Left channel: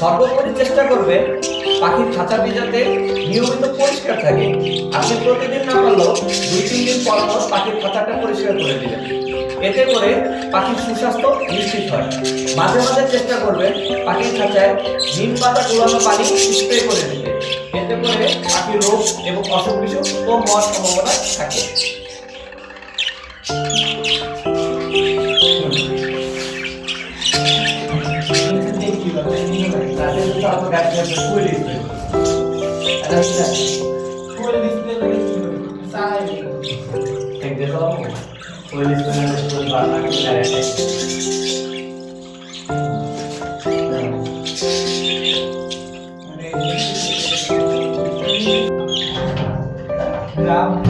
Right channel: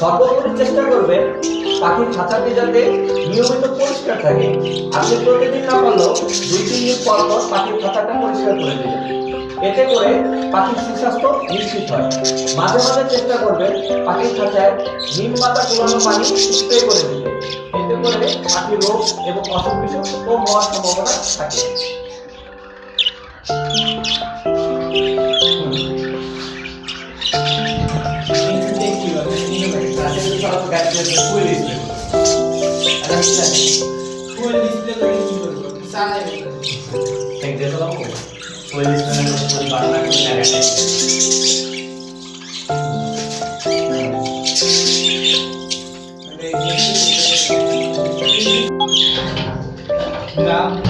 সর্বোপরি চেষ্টা করবেন পাখির খাঁচাটি যাতে নিয়মিত পরিষ্কার থাকে। আপনি প্রতিদিন না পারলেও 2-3 দিন পর পর পাখির খাঁচাটা পরিষ্কার করে দিবেন। এতে করে পাখির সুস্বাস্থ্য নিশ্চিত হয়। মাঝে মাঝে চেষ্টা করবেন পাখির খাঁচায় নিম পাতা গুলানো পানি স্প্রে করে দিতে। এতে করে পাখির রোগ এবং অসুখ বিসুখ কম হওয়ার সম্ভাবনা থাকে। Grabe.